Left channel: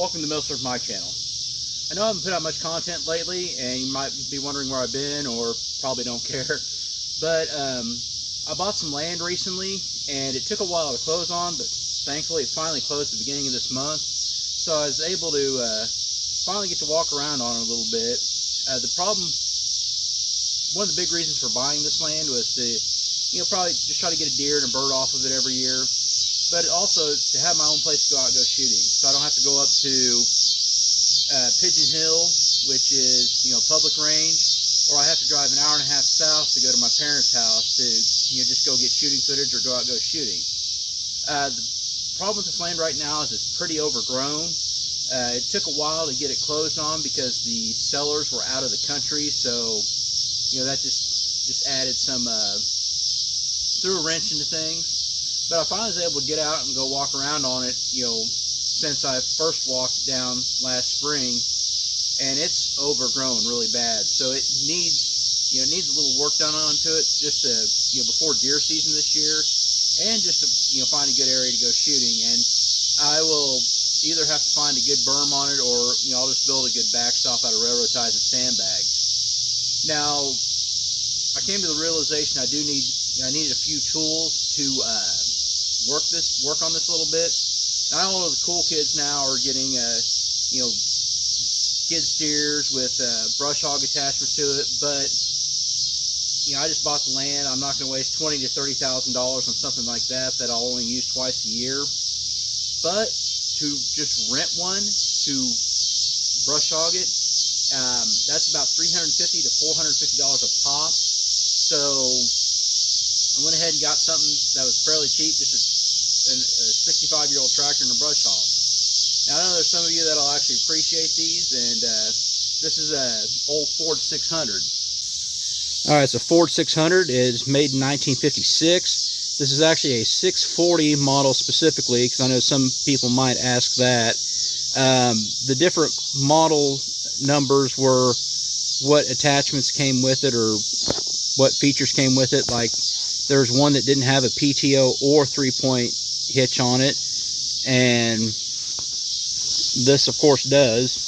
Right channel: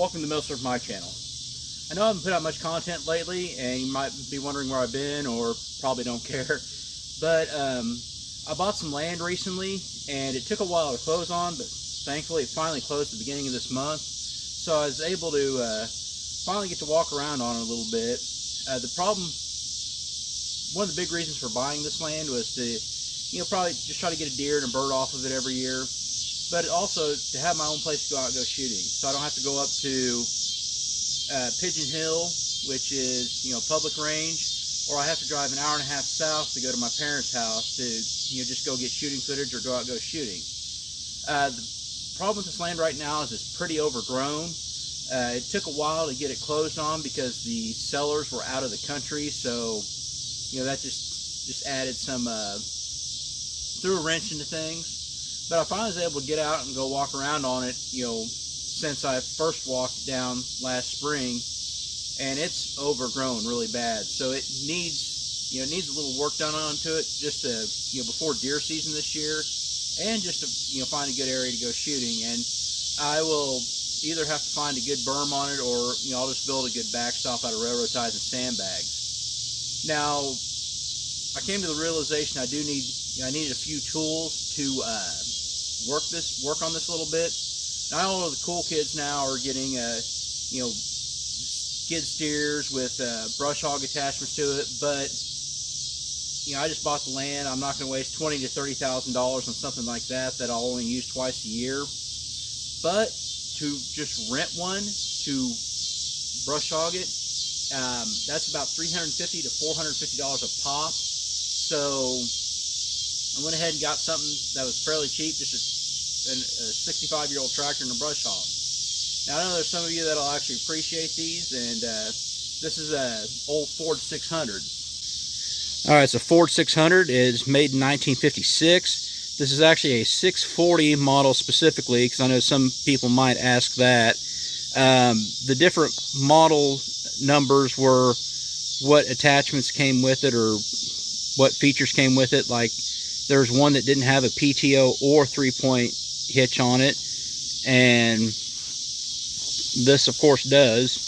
Welcome to Millsurf My Channel. I know I haven't put out much content lately, and you might be wondering where I've been, or probably don't care. But I bought some land recently, and it took a while to close on, but thankfully it finally closed at the beginning of this month. So I was able to finally get to walk around on it a little bit. The problem, one of the big reasons for buying this land was to, probably just try to get a deer and a bird off of it every year. But also to have my own place to go out and go shooting, so I don't have to go up to Pigeon Hill, which is public range, or I have to drive an hour and a half south to go to my parents' house to just go get shooting footage or go out and go shooting. The problem with this land right now is it's pretty overgrown. It took a while to get it closed on because the sellers were out of the country, so that just added some threw a wrench into things. But I finally was able to get out and go walk around on it, since I first walked down last spring, and it's overgrown really bad. So it needs, a little work done onto it, just to, before deer season this year, and just to, find a good area to go shooting. And I will either have to find a good berm on it, or I'll just build a good backstop out of railroad ties and sandbags. Now, I came to the realization I needed a few tools to work on this a little bit. Now, all of the cool kids now are getting skid steers with brush hog attachments to it, but I just bought the land. I'm not going to waste $20,000 to $30,000 on something like that I'll only use twice a year. But to just rent one to brush hog it, that's about $350 to $450 a pop. So I went ahead and got something that was fairly cheap, just a 65-year-old tractor and a brush hog. Now, I know there's some of you that'll actually appreciate these, and this is a old Ford 600. All right, so Ford 600 is made in 1956. This is actually a 640 model specifically, because I know some people might ask that. The different model numbers were what attachments came with it, or what features came with it. Like, there's one that didn't have a PTO or 3-point hitch on it, and this of course does.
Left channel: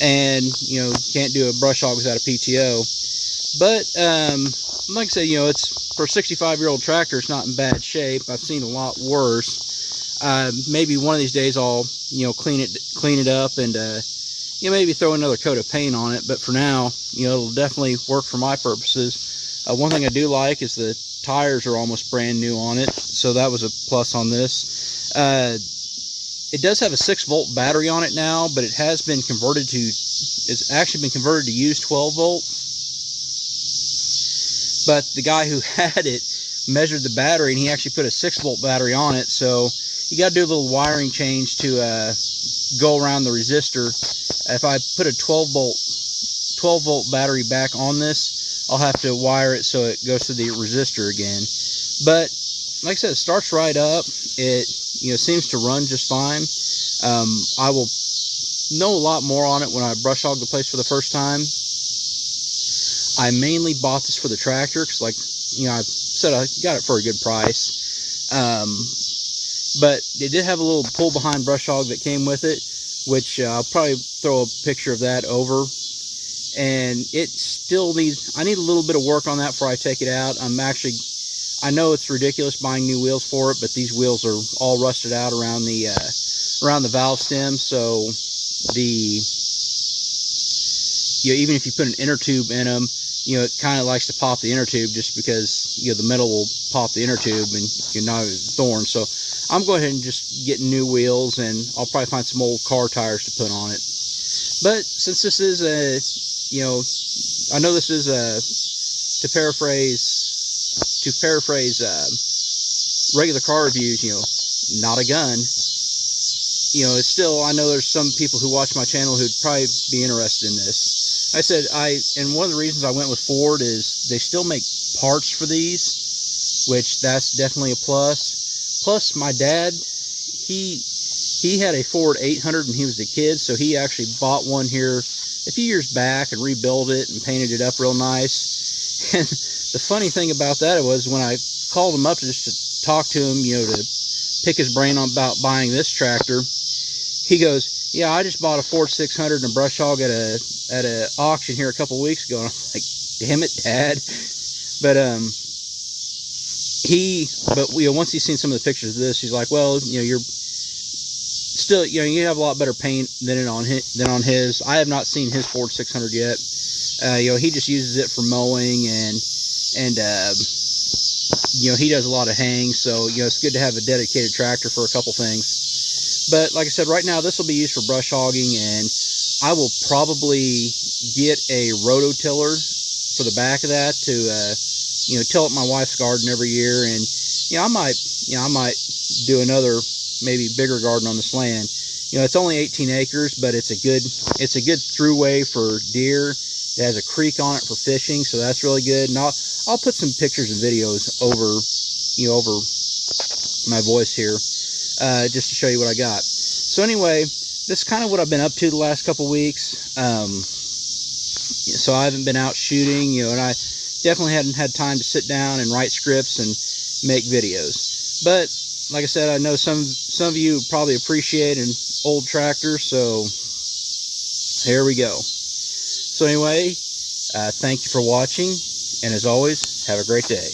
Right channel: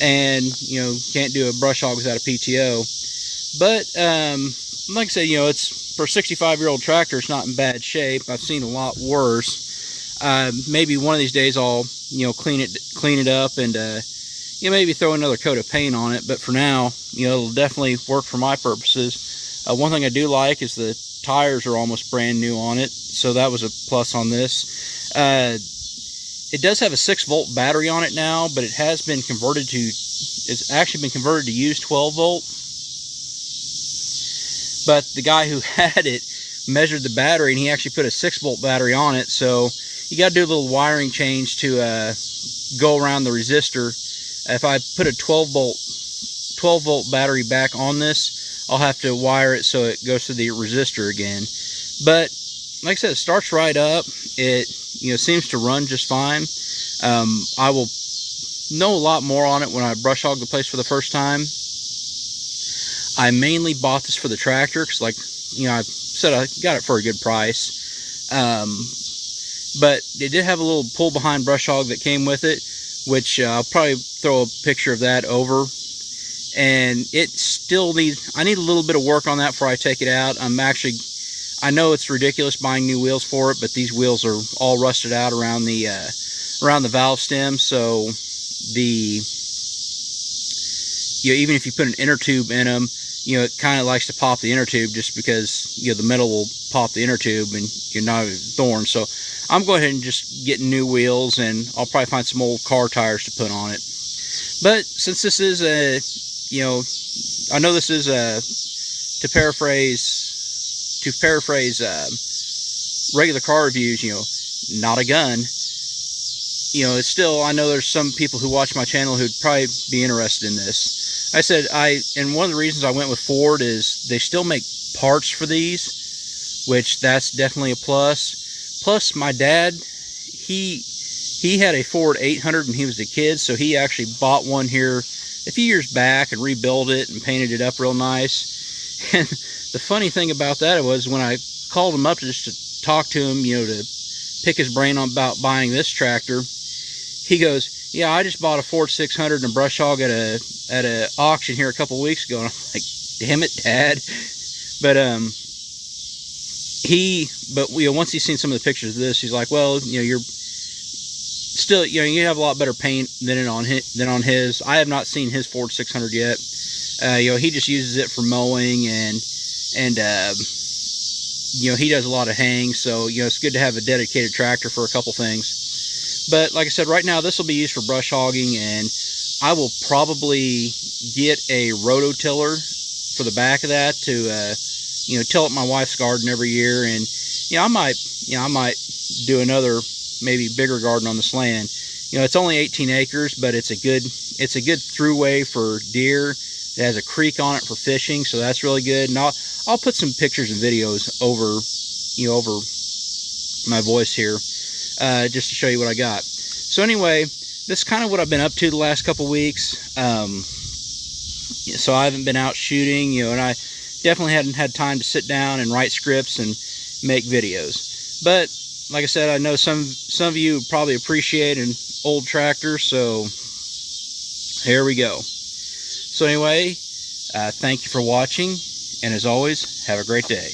And can't do a brush hog without a PTO. But like I said, it's for a 65-year-old tractor, it's not in bad shape. I've seen a lot worse. Maybe one of these days I'll clean it up and maybe throw another coat of paint on it, but for now, it'll definitely work for my purposes. One thing I do like is the tires are almost brand new on it, so that was a plus on this. It does have a 6-volt battery on it now, but it's actually been converted to use 12-volt. But the guy who had it measured the battery, and he actually put a 6-volt battery on it, so you got to do a little wiring change to go around the resistor. If I put a 12-volt battery back on this, I'll have to wire it so it goes to the resistor again. But like I said, it starts right up. It seems to run just fine. I will know a lot more on it when I brush hog the place for the first time. I mainly bought this for the tractor because, like I said, I got it for a good price. But it did have a little pull behind brush hog that came with it, which I'll probably throw a picture of that over. And it still needs, I need a little bit of work on that before I take it out. I know it's ridiculous buying new wheels for it, but these wheels are all rusted out around the valve stem. So even if you put an inner tube in them, it kind of likes to pop the inner tube just because the metal will pop the inner tube and you're not a thorn. So I'm going ahead and just getting new wheels, and I'll probably find some old car tires to put on it. But since this is I know this is to paraphrase regular car reviews, not a gun. It's still, I know there's some people who watch my channel who'd probably be interested in this. I said, and one of the reasons I went with Ford is they still make parts for these, which that's definitely a plus. Plus, my dad, he had a Ford 800 when he was a kid, so he actually bought one here a few years back and rebuilt it and painted it up real nice. And the funny thing about that was when I called him up just to talk to him, to pick his brain about buying this tractor. He goes, yeah, I just bought a Ford 600 and a brush hog at a auction here a couple weeks ago. And I'm like, damn it, Dad. But once he's seen some of the pictures of this, he's like, well, you're still, you have a lot better paint than on his. I have not seen his Ford 600 yet. He just uses it for mowing and he does a lot of haying, so it's good to have a dedicated tractor for a couple things. But like I said, right now this will be used for brush hogging, and I will probably get a rototiller for the back of that to till up my wife's garden every year. And I might do another, maybe bigger garden on this land. It's only 18 acres, but it's a good throughway for deer. It has a creek on it for fishing, so that's really good. And I'll put some pictures and videos over my voice here, just to show you what I got. So anyway, this is kind of what I've been up to the last couple weeks. So I haven't been out shooting, and I definitely hadn't had time to sit down and write scripts and make videos. But like I said, I know some of you probably appreciate an old tractor, so here we go. So anyway, thank you for watching, and as always, have a great day.